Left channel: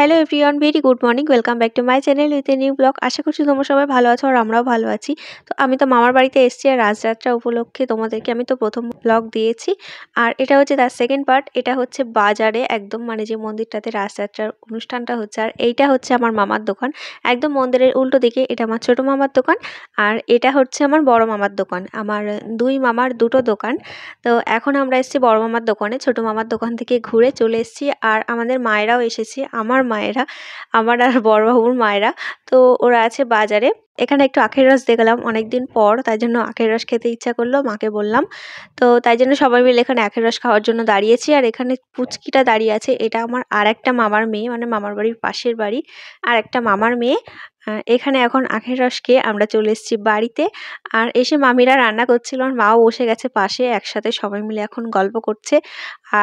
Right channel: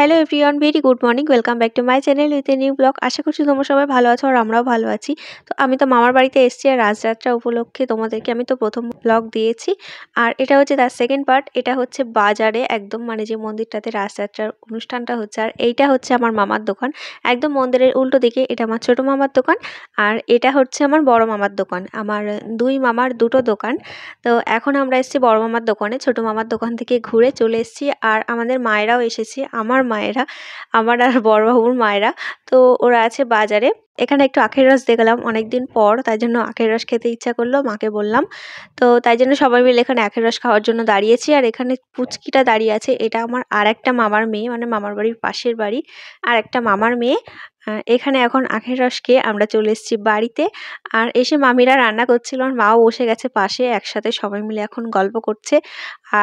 Hello everyone, very good morning. Welcome back to my channel with a new blog. আশা করছি তোমরা সবাই ভালো আছো আর আমরাও ভালো আছি। তো আমি তো মামার বাড়িতে এসেছি আর রাজযাত্রা উপলক্ষে তোমাদেরকে আমি তো প্রথম ব্লগ দিয়েছি। আর এটা হচ্ছে তার সেকেন্ড পার্ট। এটা হচ্ছে বাজারে একদম মানে যে মন্দিরটাতে রাজযাত্রার অনুষ্ঠানটা হচ্ছে, আর এইটা হচ্ছে আমার মামার দোকান। একদম মন্দিরের উল্টো দিকে এটা আমার ছোটো মামার দোকান, আর এটা হচ্ছে আমার বড় মামার দোকান। আমার দুই মামার দুটো দোকান। তো এখন আমরা এসেছি বড় মামার দোকানে, ছোটো মামার দোকান থেকে ঘুরে চলে এসেছি। আর আমাদের মায়েরাও এসেছে, আমার মায়েরা, আমার আর বড়বাবুর মায়েরা। তো ওরা আছে বাজারে। এখানে একটু আখের রস দেখলাম অনেকদিন পর, তাই জন্য আখের রস খেতে ইচ্ছা করলো, মাকে বললাম। তো তাই জন্য সবাই মিলে এখানে আখের রস খাওয়ার জন্য দাঁড়িয়েছি। আর এখানে পুচকিটা দাঁড়িয়ে আছে, এটা আমার আর একটা মামার মেয়ে, মানে মামার বাড়ির পাশের বাড়ি আর একটা মামার মেয়ে। এখানে এখন আখের রস খেয়ে আমরা চলে এসেছি বাড়িতে। আর এসে মামিরা রান্না করছিল, আর মাও বসে গেছে পাশে, একসাথে সবাই মিলে এখন গল্প করছে।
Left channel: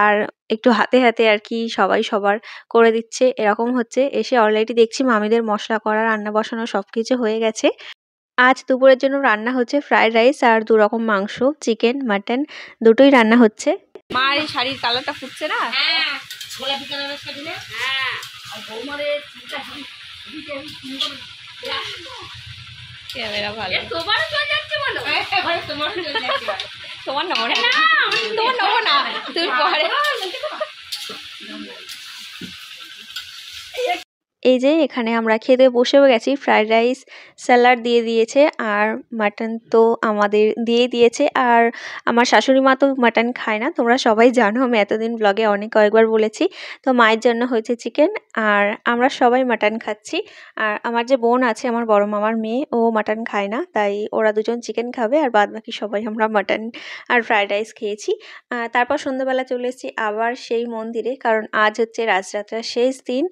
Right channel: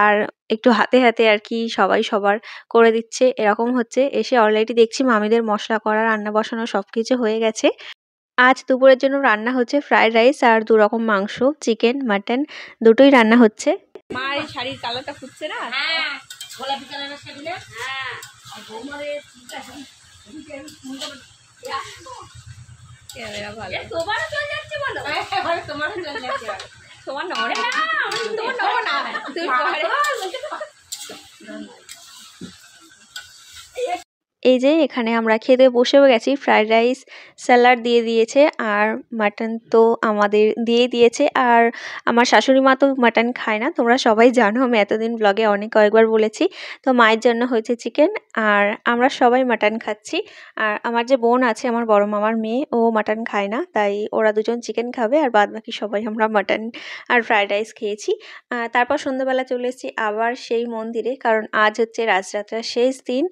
আর একটু হাতে হাতে আর কি সবাই সবার করে দিচ্ছে, এরকম হচ্ছে। এসে অলরেডি দেখছি মামিদের মশলা করা, রান্না বসানো সব কিছু হয়ে গেছে। আজ দুপুরের জন্য রান্না হচ্ছে ফ্রাইড রাইস আর 2 রকম মাংস, চিকেন মাটন দুটোই রান্না হচ্ছে। মা এই শাড়ির কালারটা ফুটছে না? হ্যাঁ, গোলাপি কালারের শাড়ি না? হ্যাঁ, আর বৌমারে চিন্তা শাড়ি ক্যামেরা ভালো। তোমারও চলে যাচ্ছে বলো? হ্যাঁ, তোমারও চলে যাচ্ছে বলো। তোমার নড়ে না, তোমার নড়ে না, তুই পরে। এই যে এখানে আমরা খেতে বসেও গেছি। ফ্রাইড রাইস, স্যালাড দিয়ে দিয়েছে, আর মাটন তো আমাদের দিয়ে দিয়েছে। আর আমার শাশুড়ি মা তো মাটন খায় না, তোমরা সবাই জানো, আমি এতদিন ব্লগে কয়েকবার বলেছি। তো মায়ের জন্য হয়েছে চিকেন, আর আমরা সবাই মাটন খাচ্ছি। আর আমার যে বোন আছে, আমার বড় মামার মেয়ে, ও মাটন খায় না, তাই ওরা দুজন চিকেন খাবে, আর বাদ বাকি সবাই আমরা মাটন আর ফ্রাইড রাইস খেয়েছি। তারপর সন্ধ্যাবেলা চলে এসেছি আবার সেই মন্দিরে, কারণ আজ হচ্ছে রাজযাত্রার শেষ দিন।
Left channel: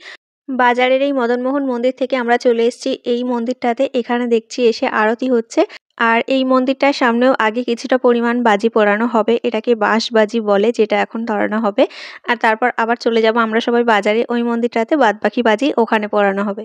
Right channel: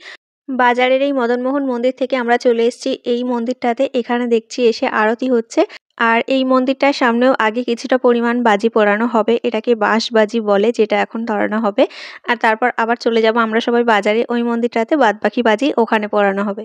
বাজারের এই মদনমোহন মন্দির থেকে আমরা চলে এসেছি এই মন্দিরটাতে। এখানে দেখছি এসে আরতি হচ্ছে, আর এই মন্দিরটার সামনেও আগে কিছুটা পরিমাণ বাজি পোড়ানো হবে, এটাকে বাঁশ বাজি বলে, যেটা এখন ধরানো হবে। আর তারপর আবার চলে যাব আমরা সবাই বাজারে, ওই মন্দিরটাতে বাদবাকি বাজি ওখানে পোড়ানো হবে।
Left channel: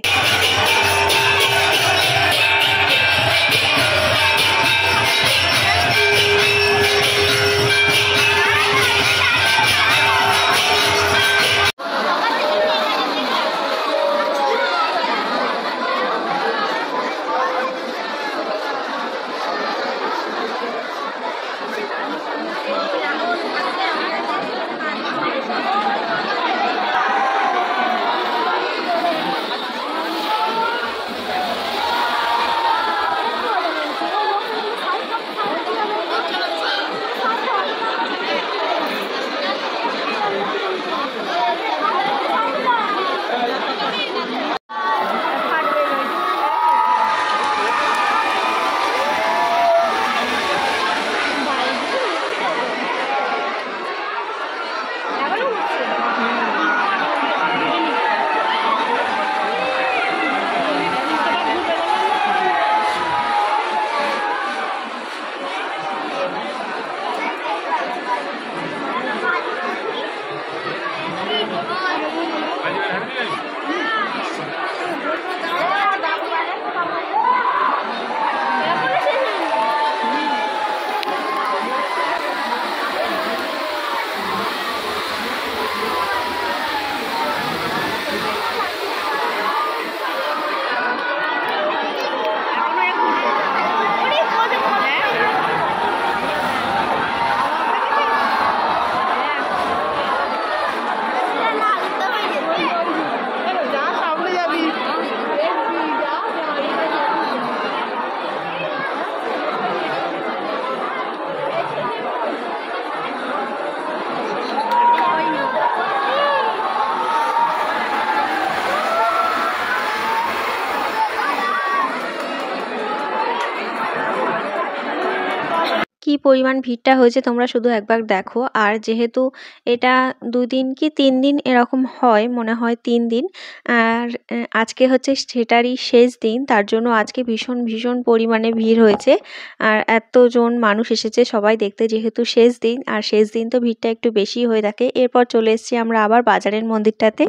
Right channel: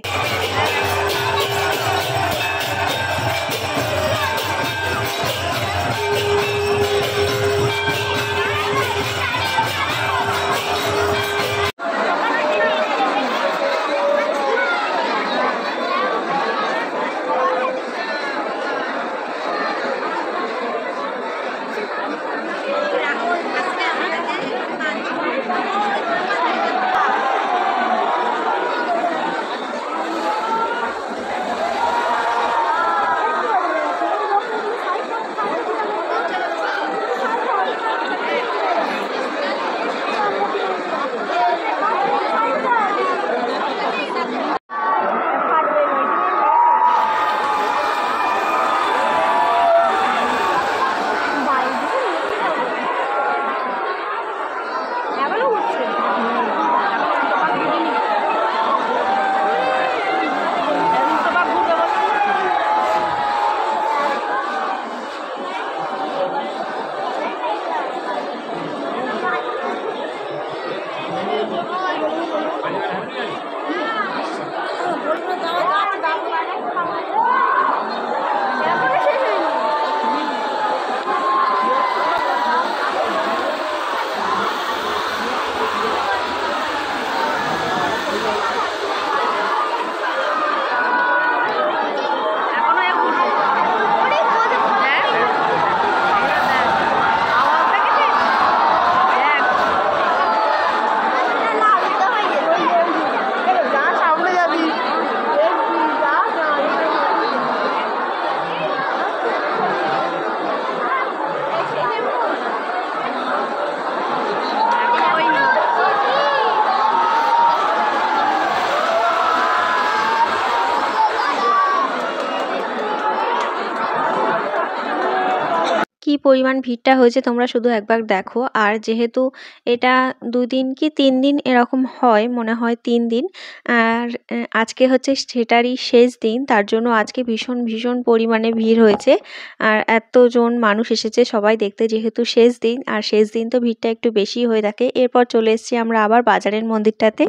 কি পরিমাণ ভিড়টা হয়েছে তোমরা শুধু একবার দেখো। আর যেহেতু এটা 2 দিন কি 3 দিন এরকম হয়, মনে হয় 3 দিন, আর আজকে হচ্ছে সেটারই শেষ দিন, তার জন্য আজকে ভীষণ ভীষণ পরিমাণে ভিড় হয়েছে। আর এতজন মানুষ এসেছে সবাই দেখতে, যেহেতু শেষ দিন, আর শেষ দিন তো ভিড়টা একটু বেশি হয়ে থাকে। এরপর চলে এসেছি আমরা আবার বাজারের মন্দিরটাতে।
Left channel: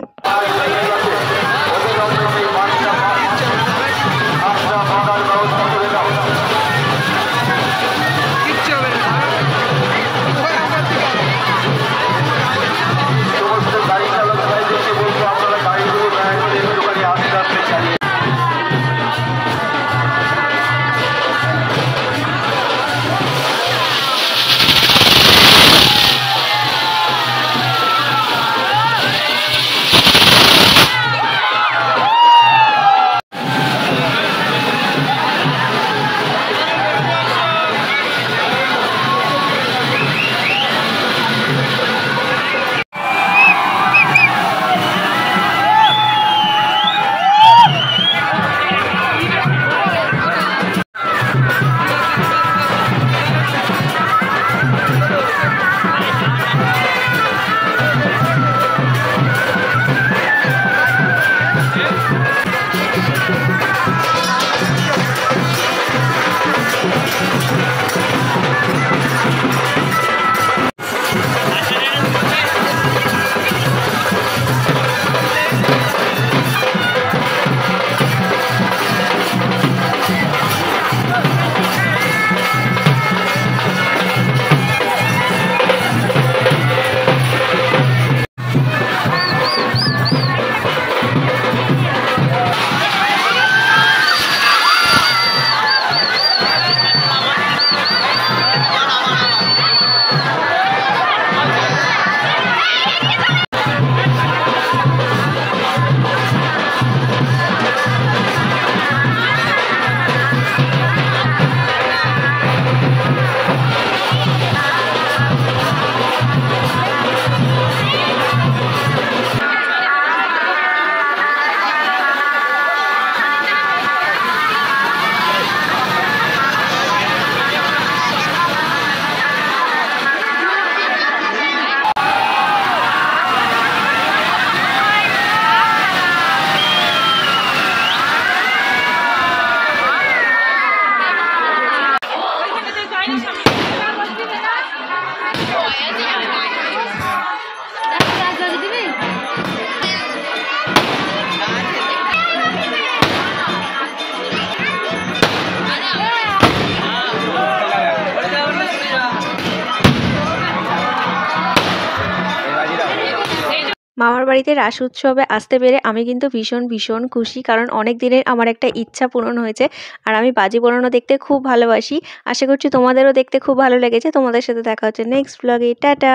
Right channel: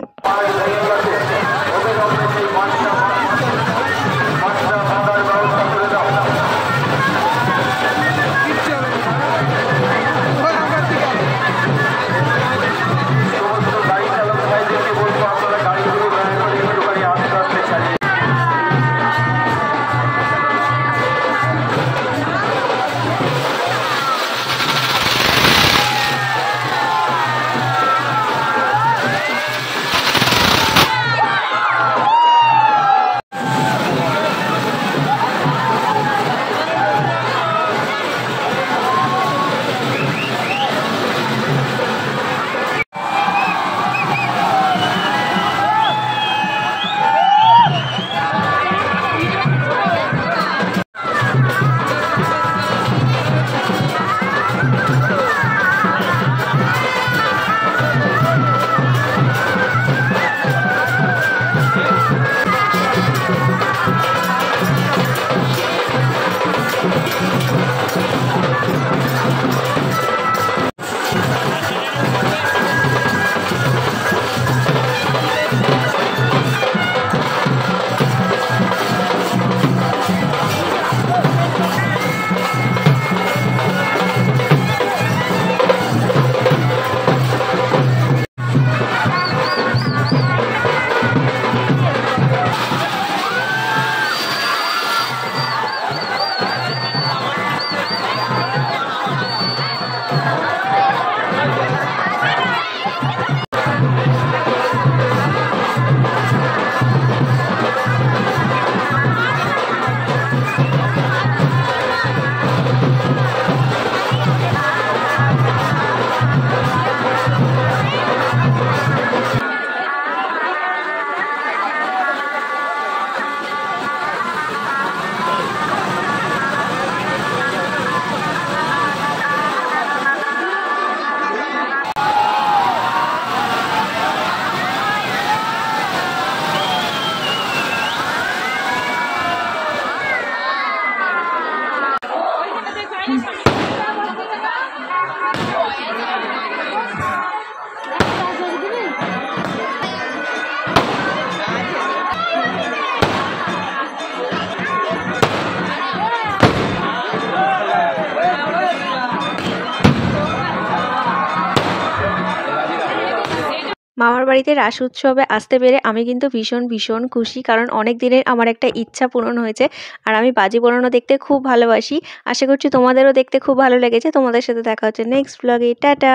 মামার বাড়িতে রাস উৎসবে আসতে পেরে আমি কিন্তু ভীষণ খুশি, কারণ অনেক দিনের আমার একটা ইচ্ছা পূরণ হয়েছে। আর আমি বাজি পোড়ানো দেখতে খুব ভালোবাসি। আশা করছি তোমাদেরও দেখতে খুব ভালো লেগেছে। তোমাদের সাথে দেখা হচ্ছে নেক্সট ব্লগে। টাটা।